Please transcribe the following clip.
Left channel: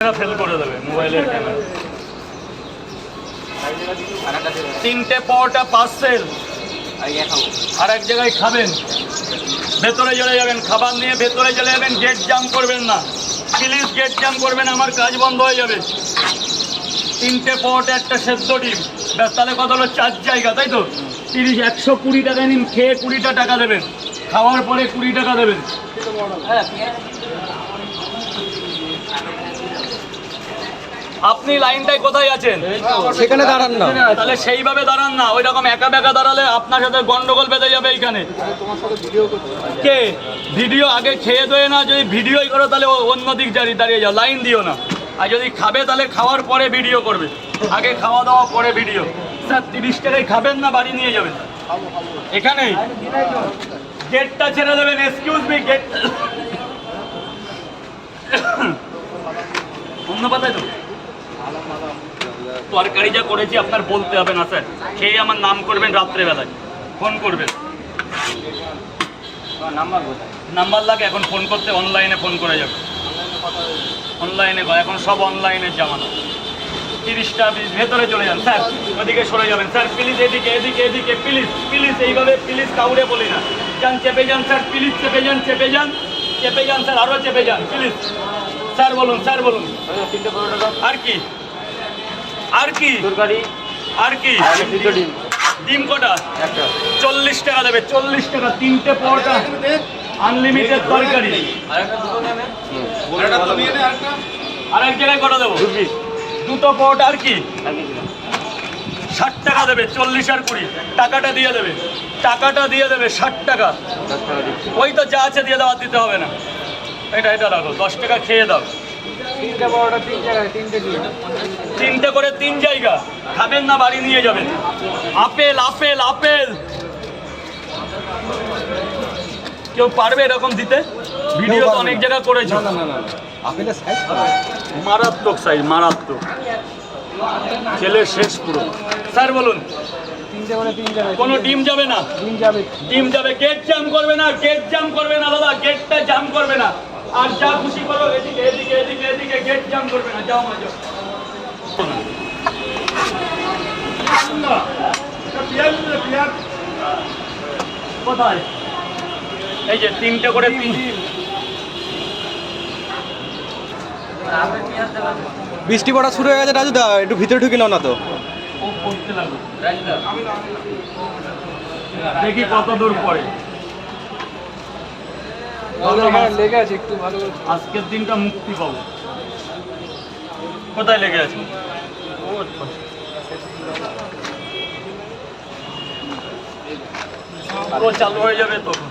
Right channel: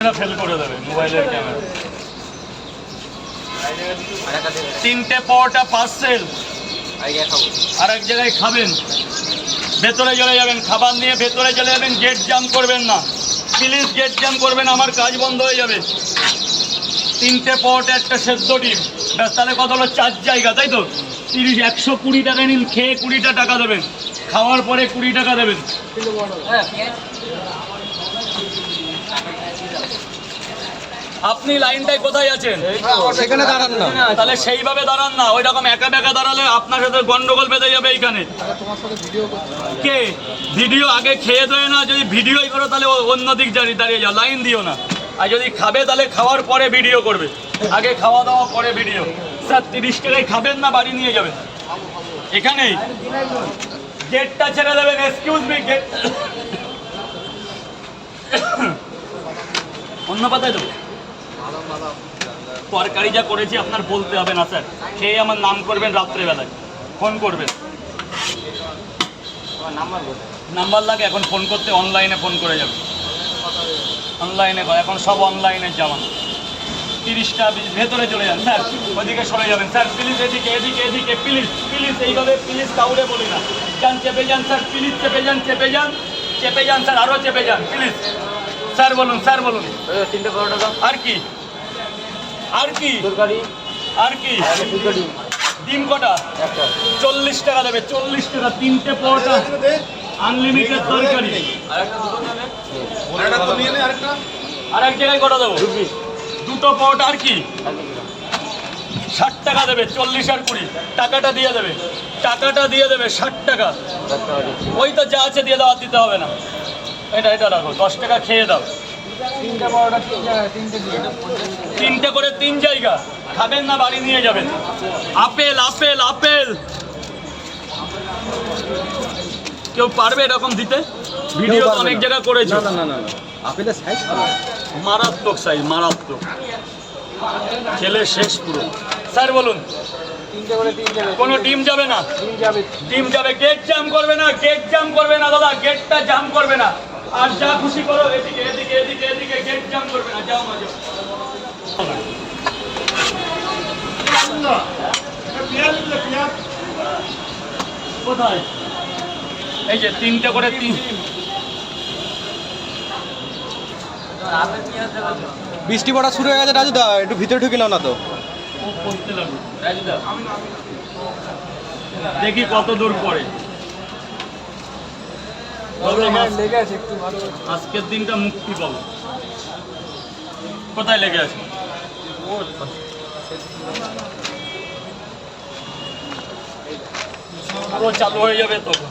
Fail করে দেবে মোবাইলের ক্যামেরা। তিনটে পাওয়াটা পার্সেল আর এক জায়গায় খাবেন, ভেতরে চলে যাবেন, খাবার নিয়ে ভেতরে চলে যাবেন, গেট জাম করবেন না প্লিজ, গেট জাম করবেন, আমার কাজ বন্ধ হয়ে যাবে। তিনটে পাওয়াটা একটা সেদ্ধ ডিম, ব্যাস। তাহলে কত হলো? 4 জায়গা, তাই তো? 30, 120 টাকা নিন, খেয়ে 20টা টাকা দেবেন, খাওয়ার পরে 20 টাকা দেবেন। আপনি লাইনটায় কোথায় আছেন? সেখানে দাঁড়ান না, তাহলে সেইভাবে দাঁড়ান না, ওই রকম একা বেকা দাঁড়ালে আপনার সাথে গন্ডগোল বেঁধে যাবে এইখানে। কে ভিডিও? আগে খেয়ে দেয় না, যদি ভিডিওই করো তাহলে অন্য দিক দাঁড়িয়ে যাও, লাইন দিও না। আর যদি খাবে তাহলে খাওয়ার পরে ভিডিও করবে, আগে খাওয়া দাওয়া পরে ভিডিও। স্যার 30 টাকায় খাবেন না বাড়ি নিয়ে যাবেন? এখানেই গেটটা ছেড়ে দেবেন। এক্সকিউজ মি, গেট অন্য পাতায় তো তরকারি যা করেছি আপনার বলতে হবে না স্যার, খেয়ে আমার নাম করবেন, রাত্রেবেলায় ফোন করবেন। নাম্বার লাগে এখন ফোন করতে, অনলাইনে ফোন করে যাবে, অনলাইনে এখন সব অনলাইনের জামানা। 30টা ভেতরে চলে যান স্যার, ওদিকে সরে যাবেন স্যার প্লিজ, এদিকে এদিকে এদিকে প্লিজ প্লিজ, এইভাবে প্লিজ কাউরে বলি না। যান, চেপে যান স্যার প্লিজ, চেপে যান চেপে যান চেপে যান স্যার, আরও চেপে যান প্লিজ। স্যার বলুন, স্যার বলুন। 3টে পরোটা আর কি? আর কি? তরকারি আর কি? ডিম ডিম কটা? একটা। 40 টাকা দেবে, 40 টাকা। 3টে পরোটা, আনলিমিটেড তরকারি। আর এক জায়গায় কটা দেবো? 2টো পরোটা। আর কি? 60 টাকা দেবে, 40 আর 20 টাকাটা দিয়ে দেবে, টাকাটা দিয়ে দেবে, 60 টাকা। ওই তো যা আছে দিয়ে দাও, আর দিতে হবে না। এটা রাখো, 10 টাকা খেয়ে দাও। 3টে করে 3 জায়গা, খাবেন না বাড়ি নিয়ে যাবেন। আপেল আপেল আপেল, কেউ পারবে এরকম দিতে? ভিডিও তো অনেক জায়গা করেছো। না না না, আপেলের সাইজ মারাত্মক সাইজ, মারাত্মক, খেলে শেষ পুরো। স্যার বলুন। 3টে করে 3 যাবে। কোনো ডিম যাবে না? ডিম যাবে। ডিম যাবে। গেট জাম করবে না, গেট জাম করবে না দাদা, গেটটা জাম করবে না। আর যা খুশি করো, এদিকে এদিকে এদিকে এদিকে, গেট জাম করবে না। যাও মা যাও। কোথায়? এই যে 3টে করে 3। বৃষ্টি পড়া শুরু হয়ে গেছে রাজুদা, একটু ভিতরে ঢুকে নাও না তো। দেখি কত দূর পরে। আজকের দিনটা মুক্তি পাবো। কোথায় লেগে আছে? আরো চালু হয়ে যাবে তখন।